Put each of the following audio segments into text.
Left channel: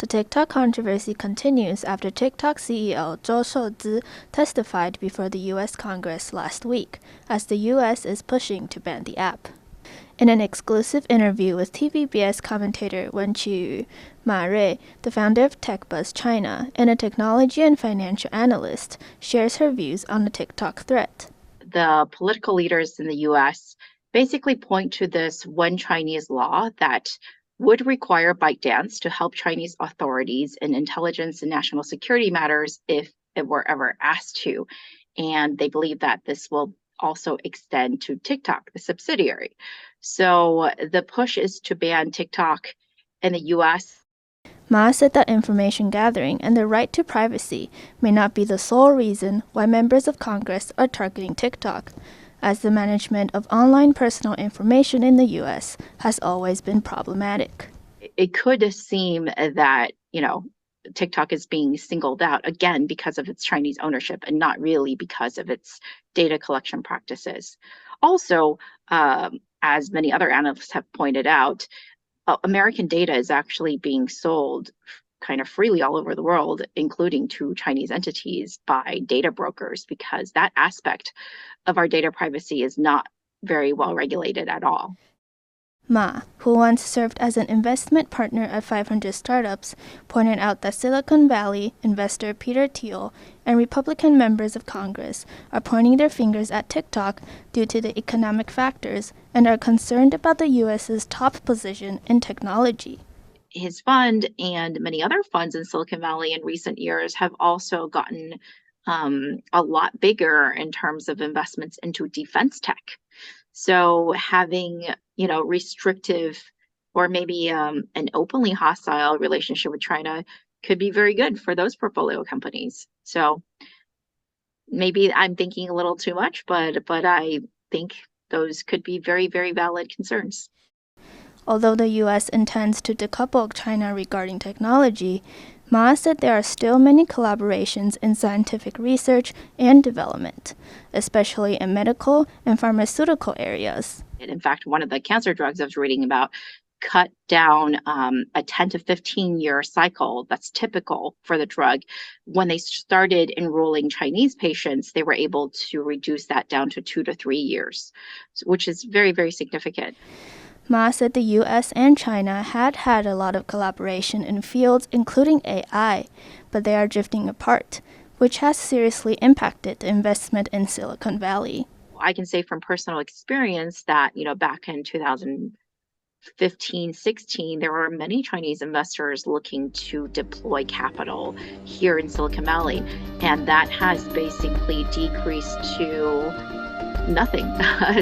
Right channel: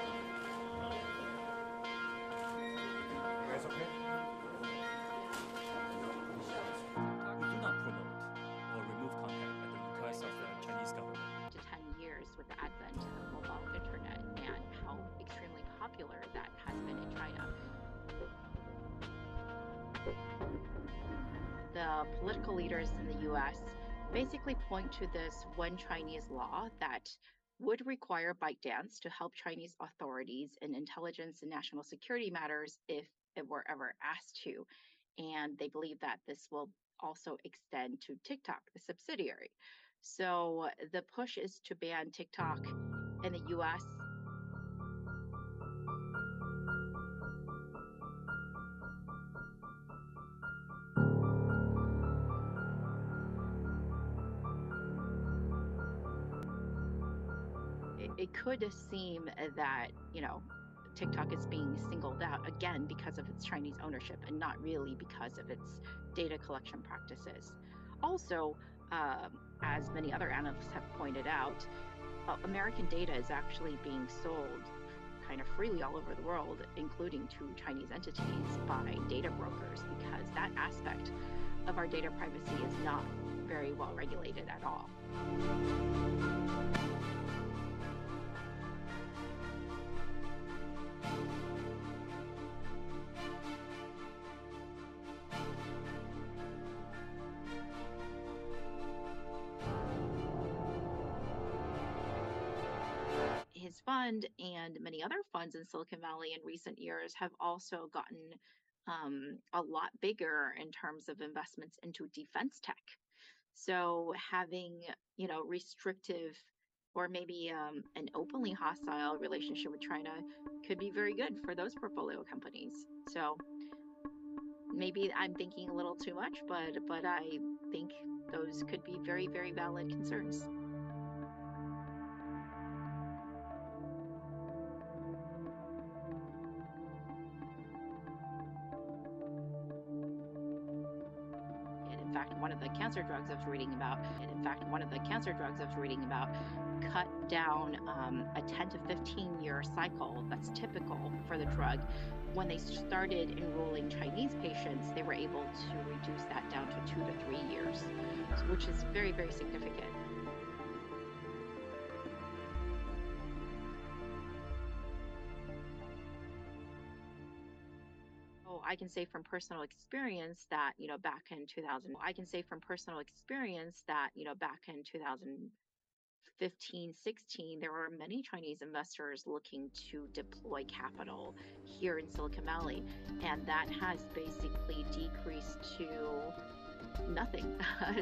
The TikTok controversy continues after TikTok CEO Zhou Shouzi testified before the U.S. Congress last week, as the U.S. is pushing to ban the app. In an exclusive interview with TVBS commentator Wen Qiyu, Ma Rui, the founder of TechBuzz China and a technology and financial analyst, shares her views on the TikTok threat. The political leaders in the US basically point to this one Chinese law that would require ByteDance to help Chinese authorities in intelligence and national security matters if it were ever asked to. And they believe that this will also extend to TikTok, the subsidiary. So the push is to ban TikTok in the US. Ma said that information gathering and the right to privacy may not be the sole reason why members of Congress are targeting TikTok, as the management of online personal information in the U.S. has always been problematic. It could seem that, TikTok is being singled out again because of its Chinese ownership and not really because of its data collection practices. Also, as many other analysts have pointed out, American data is actually being sold kind of freely all over the world, including to Chinese entities by data brokers, because that aspect of our data privacy is not very well regulated at all. Ma, who once served as an investment partner at 500 startups, pointed out that Silicon Valley investor Peter Thiel and Republican members of Congress are pointing their fingers at TikTok due to the economic factors and are concerned about the U.S.'s top position in technology. His fund and many other funds in Silicon Valley in recent years have also gotten a lot bigger in terms of investments into defense tech. So having, restrictive or maybe an openly hostile relationship with China could be very good for those portfolio companies. So maybe I'm thinking a little too much, but I think those could be very, very valid concerns. Although the U.S. intends to decouple China regarding technology, Ma said there are still many collaborations in scientific research and development, especially in medical and pharmaceutical areas. And in fact, one of the cancer drugs I was reading about cut down a 10 to 15-year cycle that's typical for the drug. When they started enrolling Chinese patients, they were able to reduce that down to 2 to 3 years, which is very, very significant. Ma said the U.S. and China had a lot of collaboration in fields including AI, but they are drifting apart, which has seriously impacted the investment in Silicon Valley. I can say from personal experience that, back in 2015, 16, there were many Chinese investors looking to deploy capital here in Silicon Valley, and that has basically decreased to nothing.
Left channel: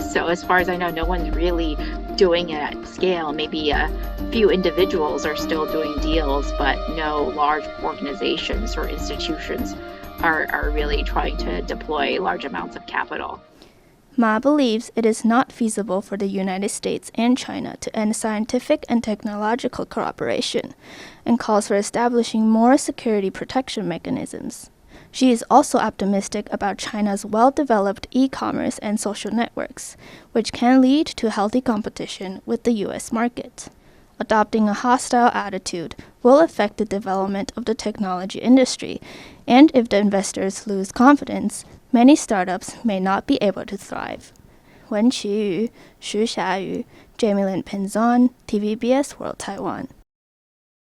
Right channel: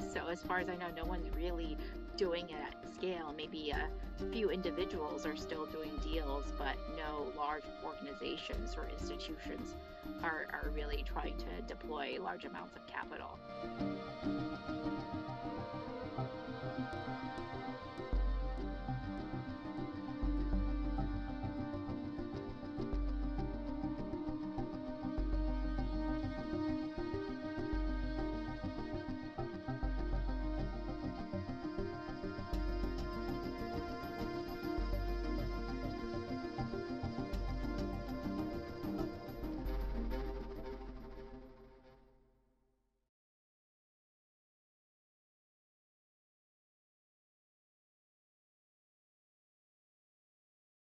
So as far as I know, no one's really doing it at scale. Maybe a few individuals are still doing deals, but no large organizations or institutions are really trying to deploy large amounts of capital. Ma believes it is not feasible for the United States and China to end scientific and technological cooperation, and calls for establishing more security protection mechanisms. She is also optimistic about China's well-developed e-commerce and social networks, which can lead to healthy competition with the U.S. market. Adopting a hostile attitude will affect the development of the technology industry, and if the investors lose confidence, many startups may not be able to thrive. Wen Qiyu, Xu Xiayu, Jamie Lin Penzon, TVBS World Taiwan.